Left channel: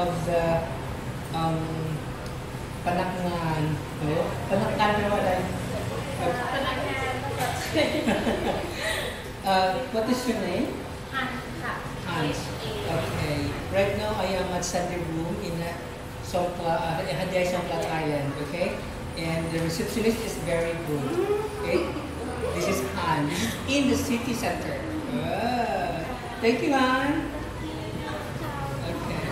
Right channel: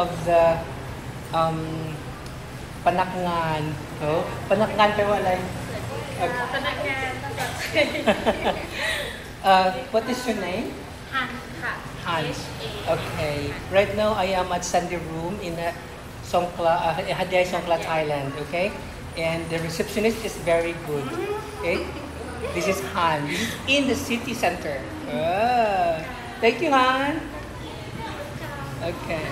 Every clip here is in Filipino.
of the Panakngan. No? Panakngan pero like Panakngan. what is your name? Hans. Okay. Right now I am at Sunday Room in Songkhla, Hadyay Songkhla, Thailand. Okay, and the receptionist is very good. Okay, this is Han. This is in the city center. Thank you, Han. Okay.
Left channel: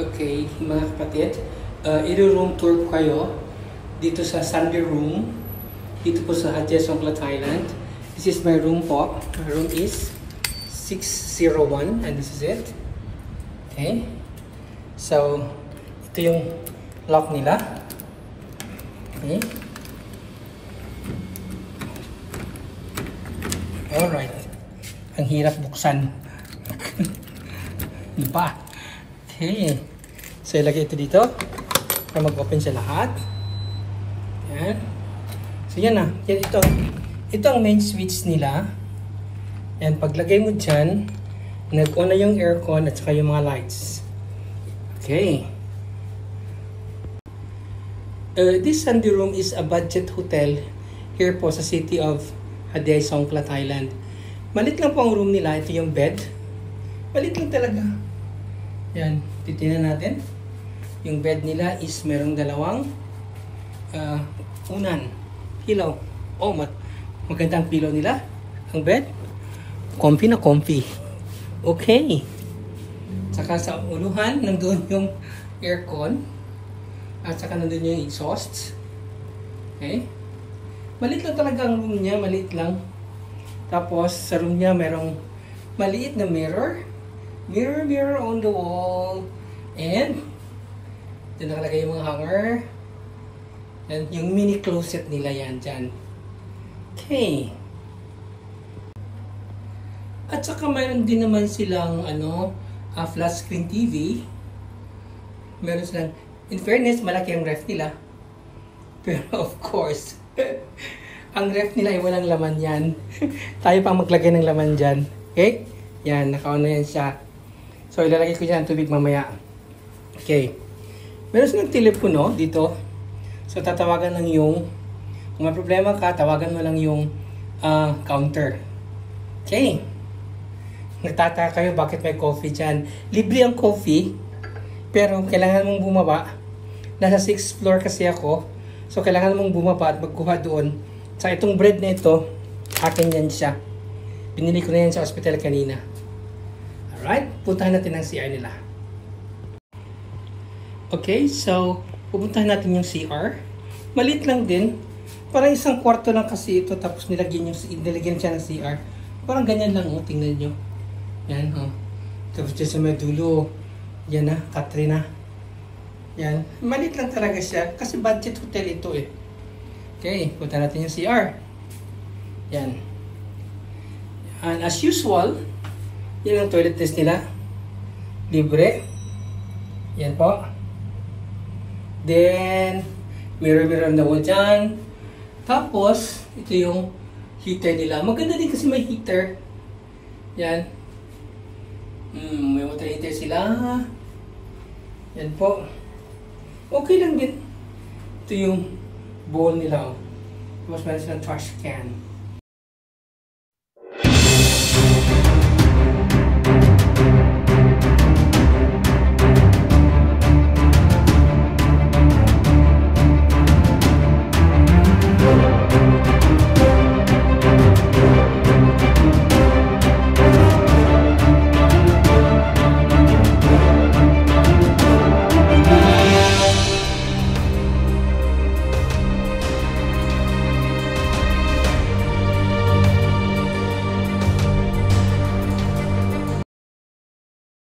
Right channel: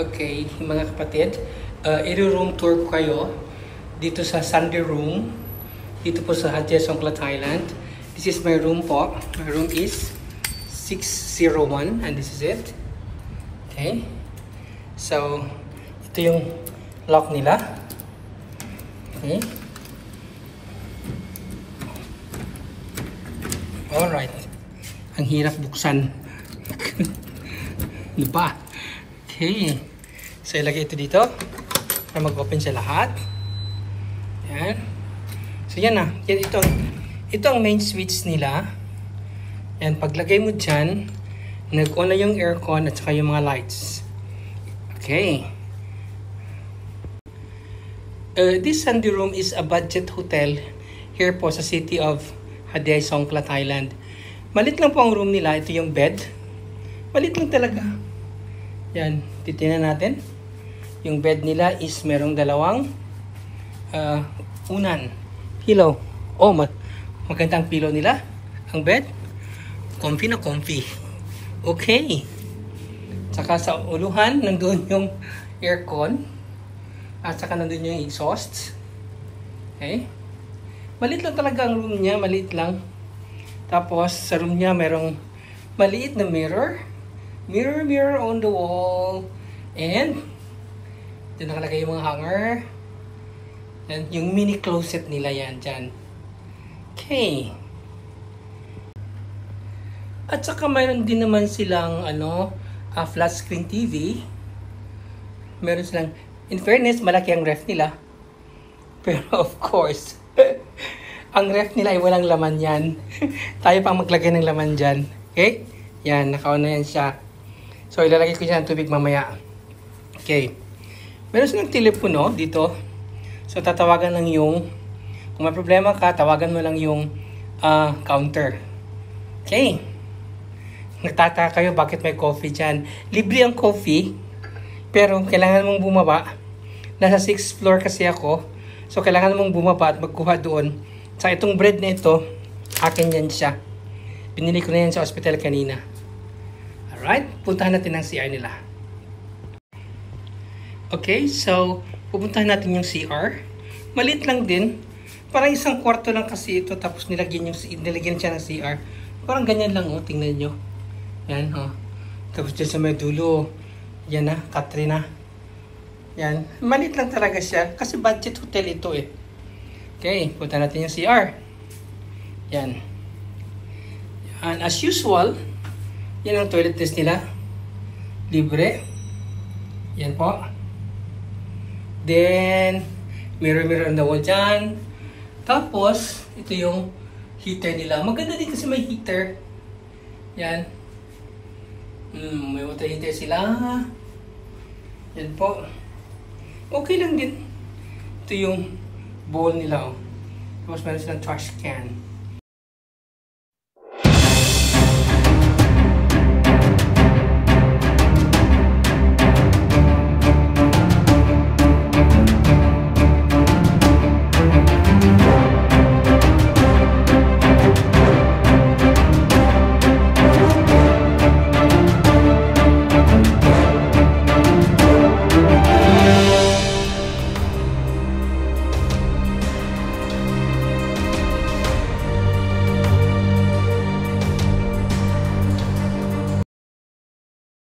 Okay, mga kapatid, i-room tour po kayo dito sa Sunday Room, dito po sa Hadyay Songkhla, Thailand. This is my room po. My room is 601 and this is it. Okay, so ito yung lock nila. Okay. Alright, ang hirap buksan. Diba? Okay, so ilagay ito dito para mag-open sa lahat. Yan. So yan na, ito ang main switch nila. Yan, paglagay mo dyan, nag-on na yung aircon at saka yung mga lights. Okay. This Sunday Room is a budget hotel here po sa city of Hadyay Songkhla, Thailand. Malit lang po ang room nila. Ito yung bed. Malit lang talaga. Yan, titingnan natin. Yung bed nila is merong dalawang unan. Pillow. Oh, magandang pillow nila. Ang bed. Comfy na comfy. Okay. Saka sa uluhan, nandun yung aircon. At saka nandun yung exhaust. Okay. Maliit lang talaga ang room niya. Maliit lang. Tapos, sa room niya, merong maliit na mirror. Mirror on the wall. And, dyan nakalagay yung mga hanger. And yung mini closet nila yan dyan. Okay. At saka mayroon din naman silang flat screen TV. Meron silang In fairness, malaki ang ref nila. Pero of course, ang ref nila ay walang laman yan. Tayo pang maglagay ng laman dyan. Okay? Yan, naka-on na yan siya. So, ilalagay ko dyan ang tubig mamaya. Okay. Meron silang telepono dito. So, tatawagan lang yung, kung may problema ka, tawagan mo lang yung counter. Okay. Nagtataka kayo bakit may coffee dyan. Libre ang coffee, pero kailangan mong bumaba. Nasa 6th floor kasi ako. So, kailangan mong bumaba at magkuha doon. Sa itong bread na ito, akin yan siya. Binili ko na yan sa hospital kanina. Alright, puntahan natin ang CR nila. Okay, so, pupuntahan natin yung CR. Maliit lang din. Parang isang kwarto lang kasi ito, tapos nilagyan siya ng CR. Parang ganyan lang, oh, tingnan nyo. Yan, oh. Tapos dyan sa may dulo, yan na, Katrina. Yan, maliit lang talaga siya, kasi budget hotel ito eh. Okay, punta natin yung CR. Yan. And as usual, yan ang toilet test nila. Libre. Yan po. Then, mirror on the wall dyan. Tapos, ito yung heater nila. Maganda din kasi may heater. Yan. May water heater sila. Yan po. Okay lang din. Ito yung bowl nila. Oh. Tapos meron silang trash can.